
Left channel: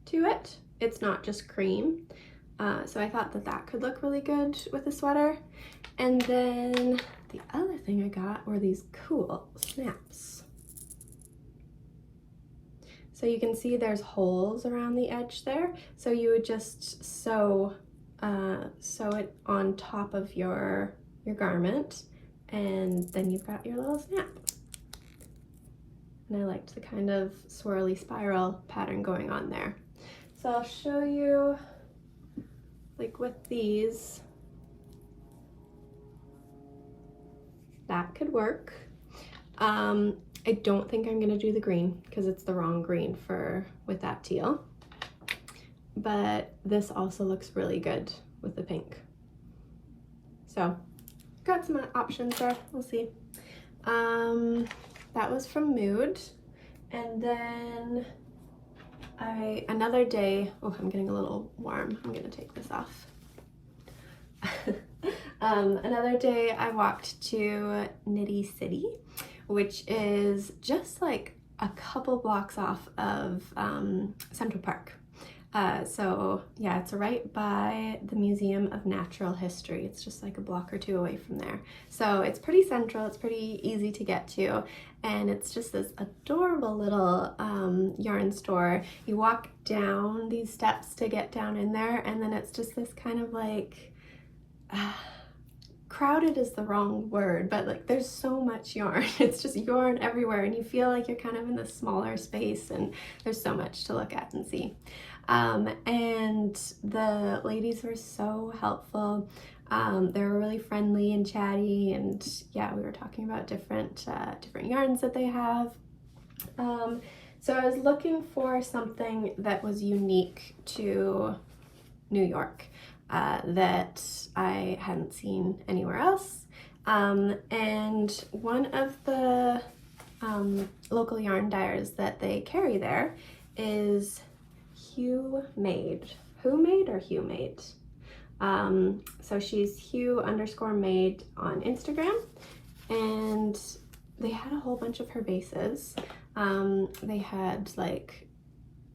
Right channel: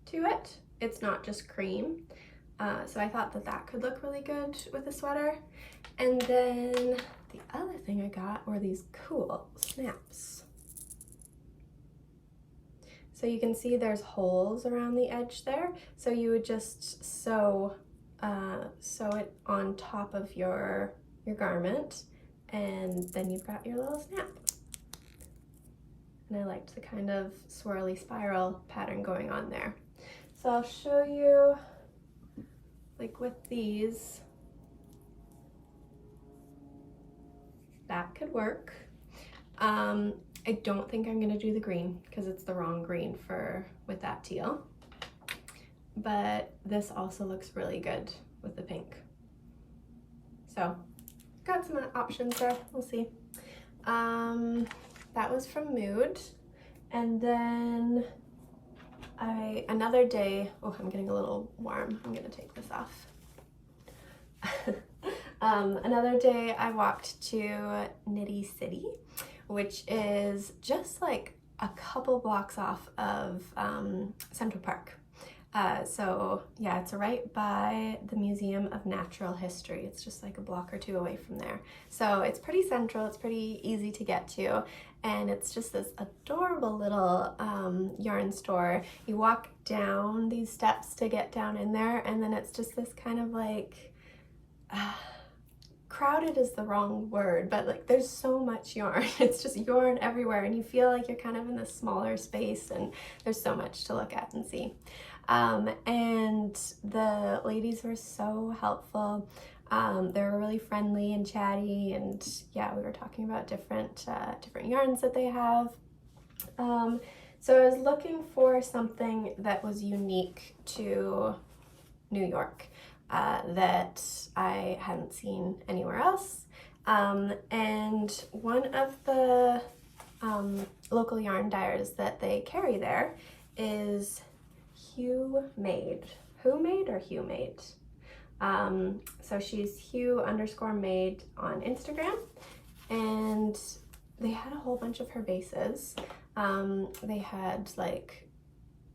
to it. It's not just cream. So I thought that could look really good with a sweater. And then the other thing I got were these cool snaps. So you can see there's holes around the edge there. So you would just sew it on top of your garment, and then you've got your little snap. And I liked the kind of swirly spiral pattern going on there. So I'll show you, like with these, that could work. I don't think I'm gonna do the green because it's the wrong green with that teal. But this also looks really good with the pink. So got some options there, we'll see. That was from Mood. And then another day, oh, I'm getting a little warm. I'm gonna take this off. Another day I walked to Nitty City, which is just like a couple blocks off of Central Park. So yeah, it's right by the Museum of Natural History. It's just like a block or two away from there. So it's pretty central, it's pretty easy to get to, and it's just this adorable little yarn store. You walk down these steps to get down in there, and then it's just this kind of like, crowded is the wrong word, but like there's so much yarn. It's just yarn everywhere, and you feel like you're kind of in this smaller space, and there's so much to look at and see. And the ladies were so helpful. They were really friendly and chatty, and yeah, we were talking about different yarns that they have. So I was looking for something that was unique to New York, that I hadn't seen anywhere else. And one of the local yarn dyers that they carry there is Hue Made. Who Made or Hue Made? So she's Hue_made on Instagram, and they had a whole bunch of her bases. They had like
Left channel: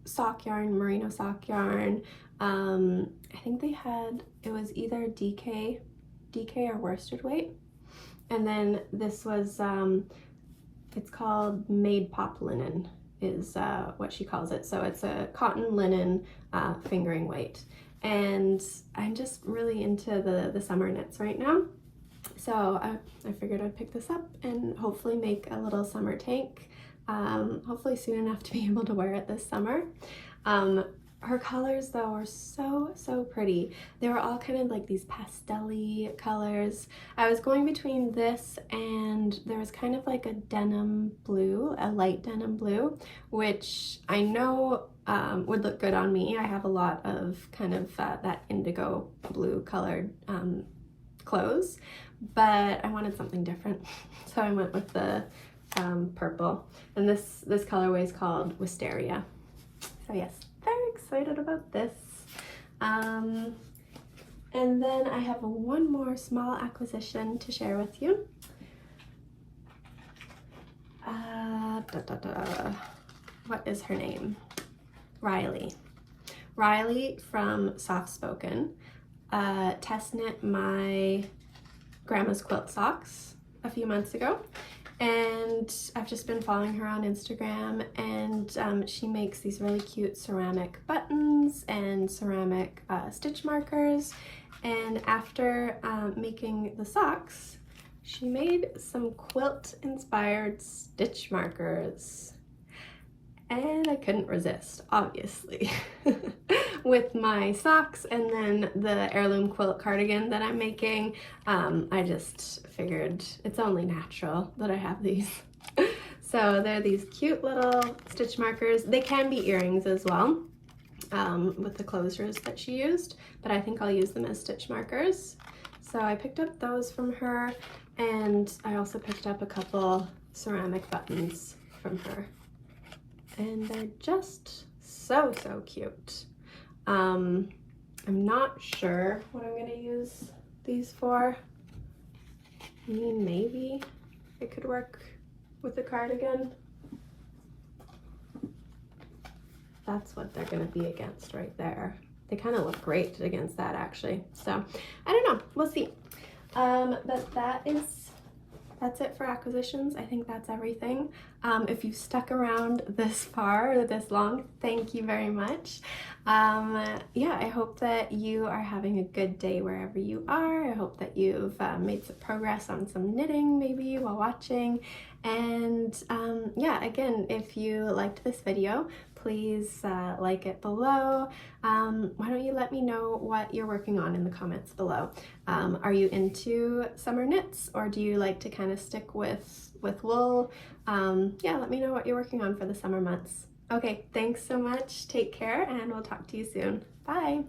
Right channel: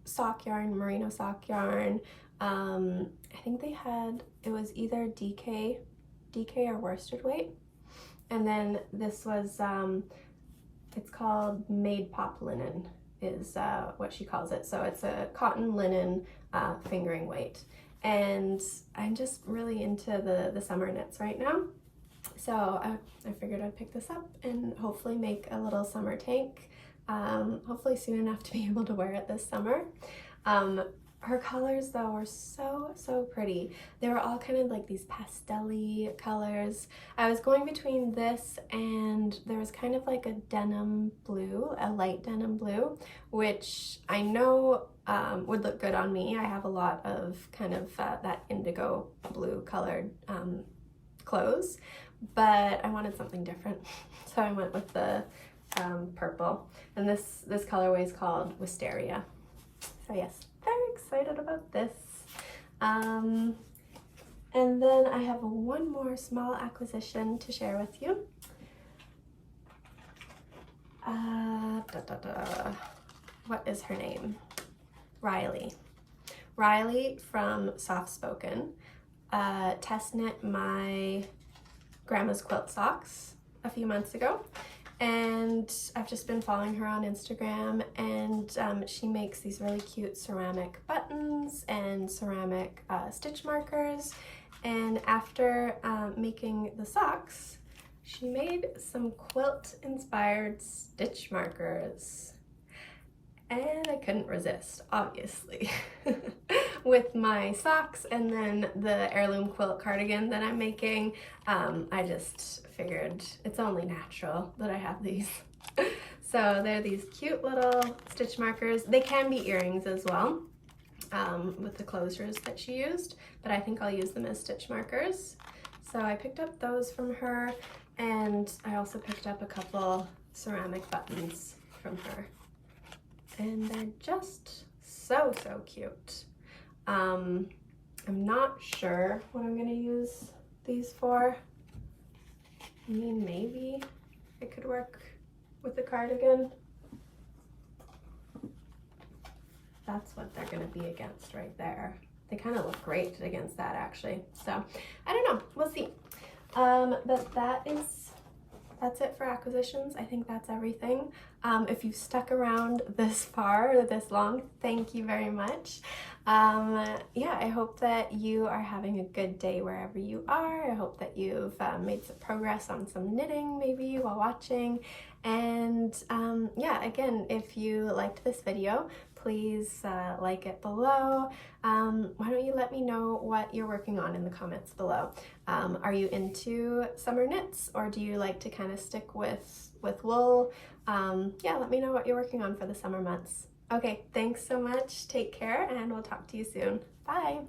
sock yarn, merino sock yarn. I think they had, it was either DK or worsted weight. And then this was, it's called Made Pop Linen is what she calls it. So it's a cotton linen fingering weight. And I'm just really into the summer knits right now. So I figured I'd pick this up and hopefully make a little summer tank. Hopefully soon enough to be able to wear it this summer. Her colors though were so pretty. They were all kind of like these pastel-y colors. I was going between this and there was kind of like a denim blue, a light denim blue, which I know would look good on me. I have a lot of kind of that indigo blue colored clothes, but I wanted something different. So I went with the purple, and this colorway is called Wisteria. So yes, very excited about this. And then I have one more small acquisition to share with you. What is her name? Riley. Riley from Soft Spoken test knit my grandma's quilt socks a few months ago, and I've just been following her on Instagram, and she makes these really cute ceramic buttons and ceramic stitch markers. And after making the socks, she made some quilt inspired stitch markers, and I couldn't resist, obviously. With my socks and then the Heirloom Quilt Cardigan that I'm making, I just figured it's only natural that I have these. So they're these cute little stitch markers. They can be earrings as well, with the closures that she used, but I think I'll use them as stitch markers. So I picked up those from her, and I also picked up a couple ceramic buttons from her. And they're just so cute. I'm not sure what I'm gonna use these for. I mean, maybe it could work with the cardigan. That's what they're gonna be against right there. They kind of look great against that, actually. So I don't know, we'll see. But that is that's it for acquisitions. I think that's everything. If you've stuck around this far or this long, thank you very much. Yeah, I hope that you are having a good day wherever you are. I hope that you've made some progress on some knitting maybe while watching. And yeah, again, if you liked this video, please like it below. Why don't you let me know what you're working on in the comments below? Are you into summer knits, or do you like to kind of stick with wool? Yeah, let me know what you're working on for the summer months. Okay, thanks so much. Take care, and we'll talk to you soon. Bye.